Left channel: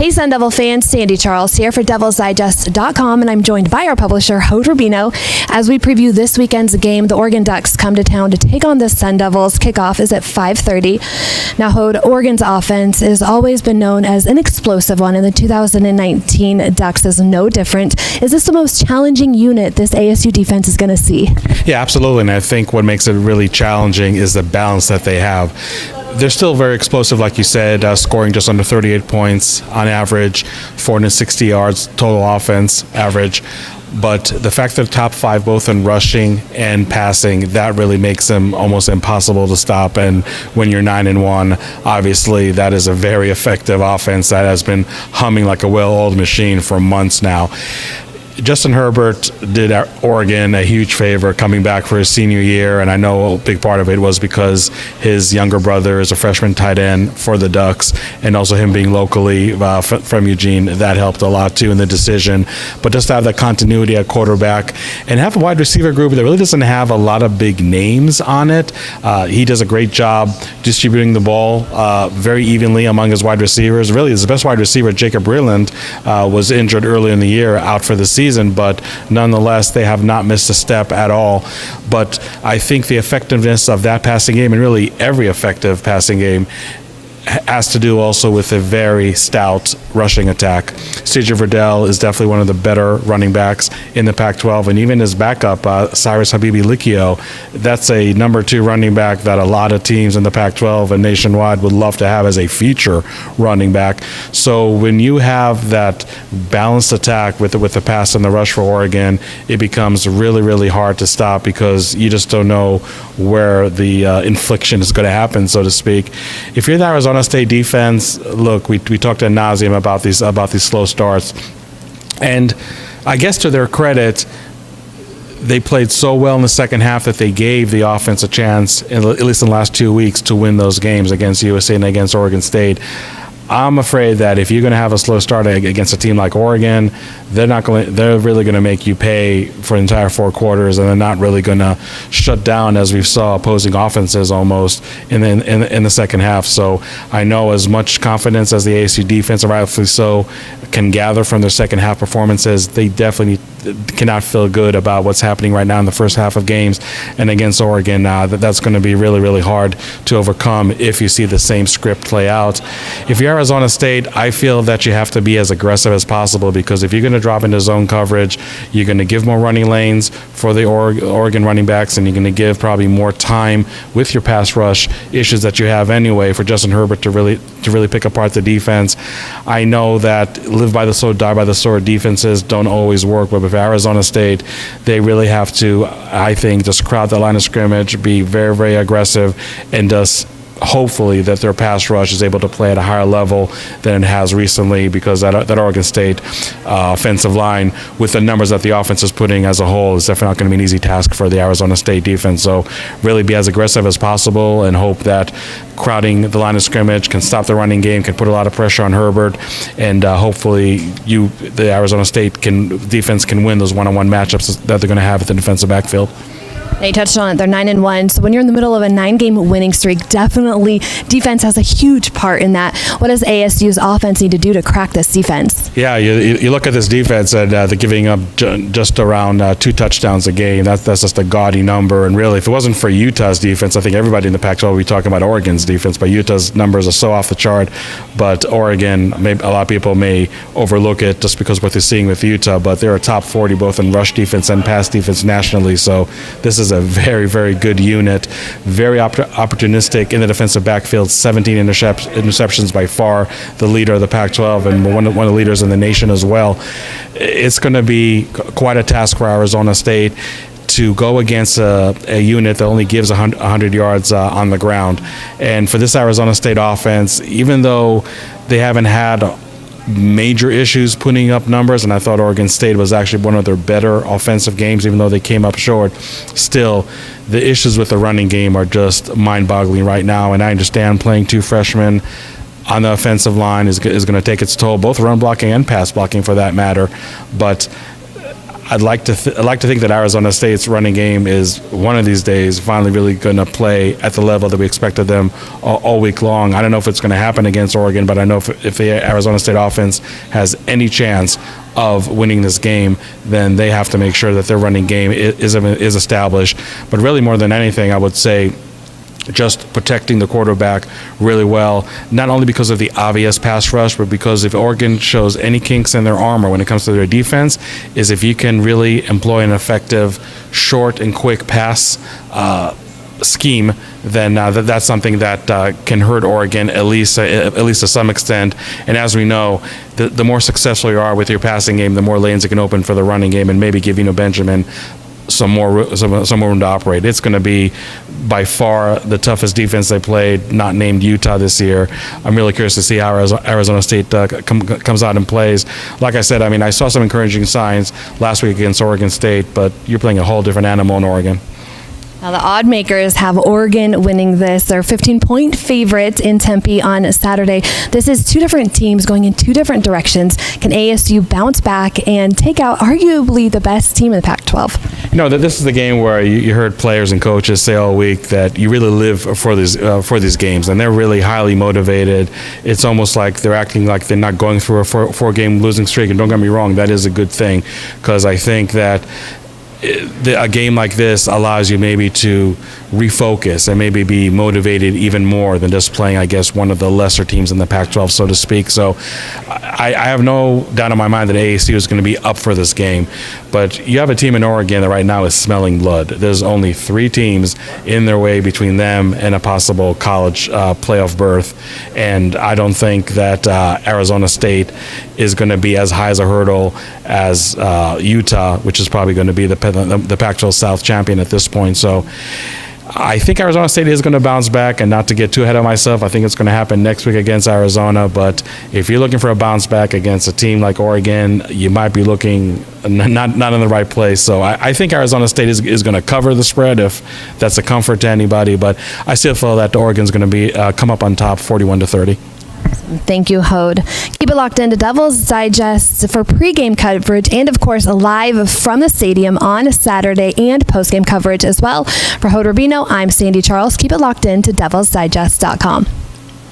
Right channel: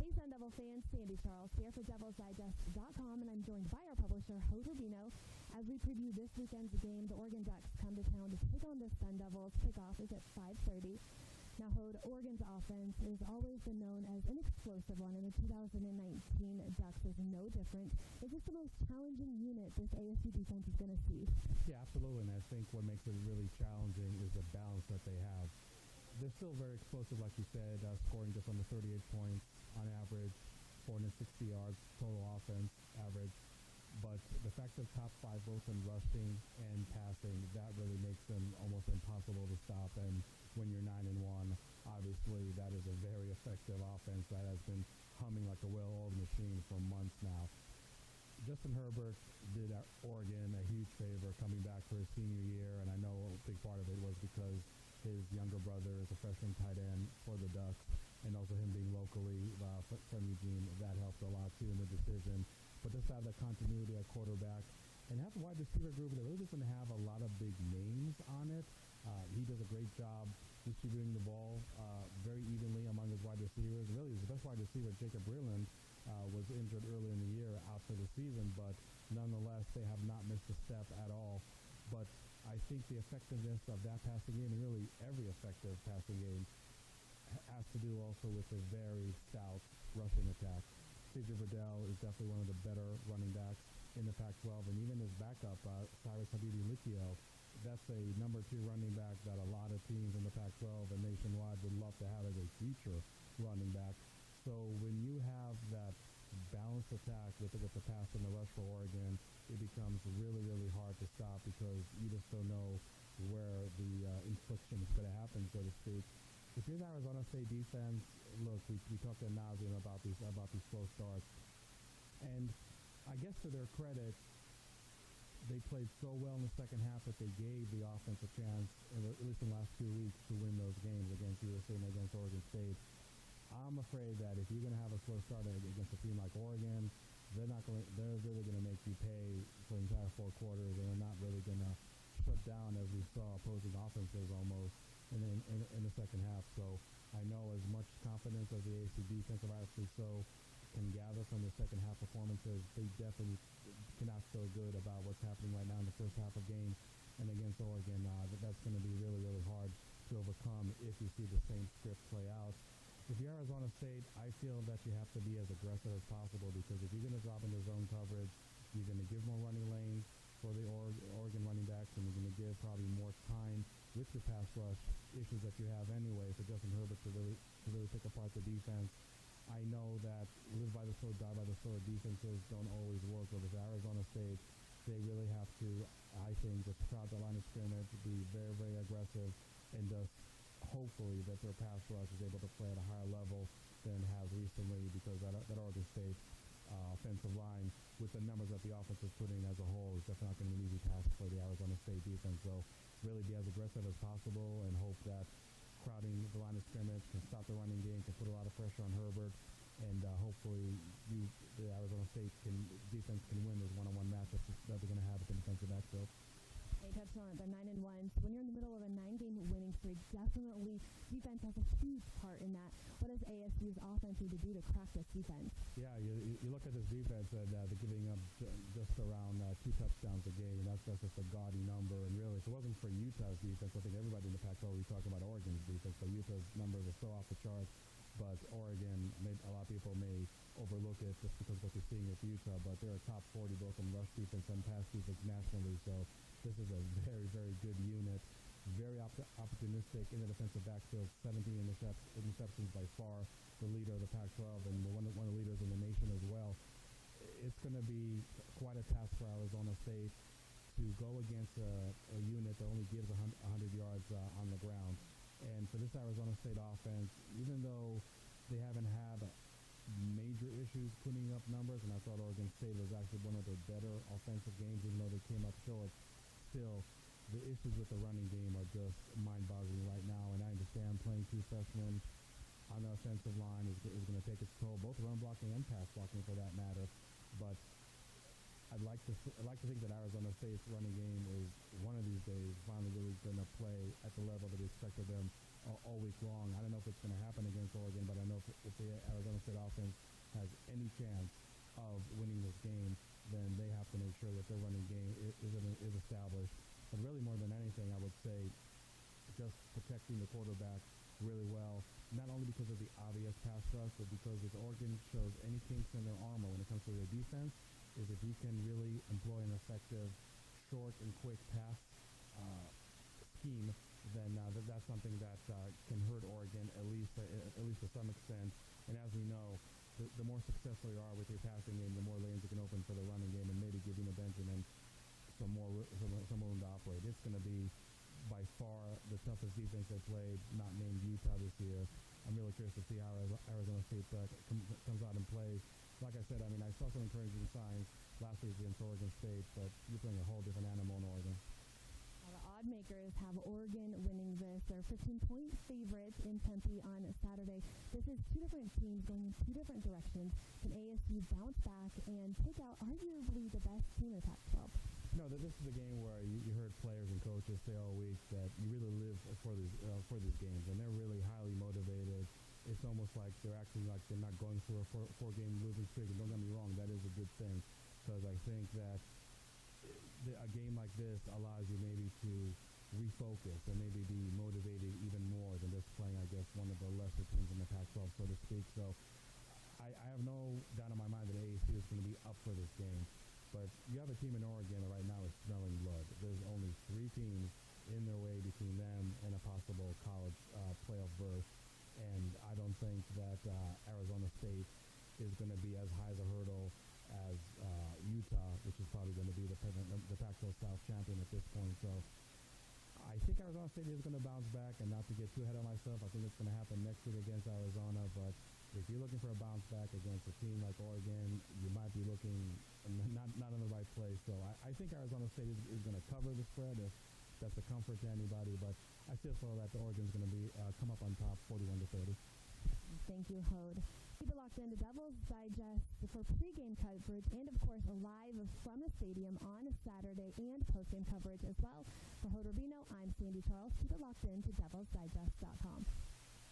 Hey Sun Devil fans, Sandy Charles here for DevilsDigest.com, and I'm joined by our publisher, Hode Rubino, as we preview this weekend's game. The Oregon Ducks come to town to take on the Sun Devils. Kickoff is at 5:30. Now, Hode, Oregon's offense has always been known as an explosive one, and the 2019 Ducks is no different. Is this the most challenging unit this ASU defense is going to see? Yeah, absolutely, and I think what makes it really challenging is the balance that they have. They're still very explosive, like you said, scoring just under 38 points on average, 460 yards total offense average. But the fact that they're top five both in rushing and passing, that really makes them almost impossible to stop. And when you're 9-1, obviously that is a very effective offense that has been humming like a well-oiled machine for months now. Justin Herbert did Oregon a huge favor coming back for his senior year, and I know a big part of it was because his younger brother is a freshman tight end for the Ducks, and also him being locally from Eugene, that helped a lot too in the decision. But just to have that continuity at quarterback and have a wide receiver group that really doesn't have a lot of big names on it. He does a great job distributing the ball very evenly among his wide receivers. Really, his best wide receiver, Jacob Breland, was injured early in the year, out for the season, but nonetheless they have not missed a step at all. But I think the effectiveness of that passing game, and really every effective passing game, has to do also with a very stout rushing attack. C.J. Verdell is definitely one of the better running backs in the Pac-12, and even his backup, Cyrus Habibi-Likio, that's a number 2 running back that a lot of teams in the Pac-12 and nationwide would love to have as a feature running back. So when you have that balanced attack with the pass and the rush for Oregon, it becomes really, really hard to stop because you just don't know where the infliction is going to happen, so to speak. If you're the Arizona State defense, look, we talked ad nauseum about these slow starts, and I guess to their credit, they played so well in the second half that they gave the offense a chance, at least in the last 2 weeks, to win those games against USA and against Oregon State. I'm afraid that if you're going to have a slow start against a team like Oregon, they're really going to make you pay for the entire 4 quarters, and they're not really going to shut down, as we saw opposing offenses almost in the second half. So I know as much confidence as the ASU defense, and rightfully so, can gather from their second half performances, they definitely cannot feel good about what's happening right now in the first half of games. And against Oregon, that's going to be really, really hard to overcome if you see the same script play out. If you're Arizona State, I feel that you have to be as aggressive as possible, because if you're going to drop into zone coverage, you're going to give more running lanes for the Oregon running backs, and you're going to give probably more time with your pass rush issues that you have anyway for Justin Herbert to really pick apart the defense. I know that live by the sword, die by the sword defenses don't always work, but with Arizona State, they really have to, I think, just crowd the line of scrimmage, be very, very aggressive, and just hopefully that their pass rush is able to play at a higher level than it has recently, because that Oregon State offensive line, with the numbers that the offense is putting as a whole, is definitely not going to be an easy task for the Arizona State defense. So really be as aggressive as possible and hope that crowding the line of scrimmage can stop the running game, can put a lot of pressure on Herbert, and hopefully the Arizona State defense can win those one-on-one matchups that they're going to have at the defensive backfield. Now, you touched on it, they're 9-1, so when you're in the middle of a 9-game winning streak, definitely defense has a huge part in that. What does ASU's offense need to do to crack this defense? Yeah, you look at this defense, and they're giving up just around 2 touchdowns a game. That's just a gaudy number, and really, if it wasn't for Utah's defense, I think everybody in the Pac-12 would be talking about Oregon's defense, but Utah's numbers are so off the chart. But Oregon, a lot of people may overlook it just because of what they're seeing with Utah, but they're a top 40 both in rush defense and pass defense nationally, so this is a very, very good unit, very opportunistic in the defensive backfield, 17 interceptions, by far the leader of the Pac-12 and one of the leaders in the nation as well. It's going to be quite a task for Arizona State to go against a unit that only gives 100 yards on the ground. And for this Arizona State offense, even though they haven't had major issues putting up numbers, and I thought Oregon State was actually one of their better offensive games, even though they came up short, still the issues with the running game are just mind-boggling right now. And I understand playing 2 freshmen on the offensive line is going to take its toll, both run blocking and pass blocking for that matter. But I'd like to think that Arizona State's running game is one of these days finally really going to play at the level that we expected them all week long. I don't know if it's going to happen against Oregon, but I know if the Arizona State offense has any chance of winning this game, then they have to make sure that their running game is established. But really, more than anything, I would say just protecting the quarterback really well, not only because of the obvious pass rush, but because if Oregon shows any kinks in their armor when it comes to their defense, is if you can really employ an effective short and quick pass scheme, then that's something that can hurt Oregon at least to some extent. And as we know, the more successful you are with your passing game, the more lanes it can open for the running game, and maybe give Benjamin some more room to operate. It's going to be by far the toughest defense they played, not named Utah this year. I'm really curious to see how Arizona State comes out and plays. Like I said, I mean, I saw some encouraging signs last week against Oregon State, but you're playing a whole different animal in Oregon. Now, the odd makers have Oregon winning this. They're 15-point favorites in Tempe on Saturday. This is two different teams going in two different directions. Can ASU bounce back and take out arguably the best team in the Pac-12? You know, this is the game where you heard players and coaches say all week that you really live for these games, and they're really highly motivated. It's almost like they're acting like they're not going through a four-game losing streak. And don't get me wrong, that is a good thing, because I think that a game like this allows you maybe to refocus and maybe be motivated even more than just playing, I guess, one of the lesser teams in the Pac-12, so to speak. So I have no doubt in my mind that ASU is going to be up for this game. But you have a team in Oregon that right now is smelling blood. There's only 3 teams in their way between them and a possible college playoff berth. And I don't think that Arizona State is going to be as high as a hurdle as Utah, which is probably going to be the Pac-12 South champion at this point. So I think Arizona State is going to bounce back, and not to get too ahead of myself, I think it's going to happen next week against Arizona. But if you're looking for a bounce back against a team like Oregon, you might be looking not in the right place. So I think Arizona State is going to cover the spread if that's a comfort to anybody. But I still feel that Oregon's going to be come up on top 41-30. Thank you, Hode. Keep it locked into Devil's Digest for pregame coverage and, of course, live from the stadium on Saturday and postgame coverage as well. For Hode Rubino, I'm Sandy Charles. Keep it locked into DevilsDigest.com.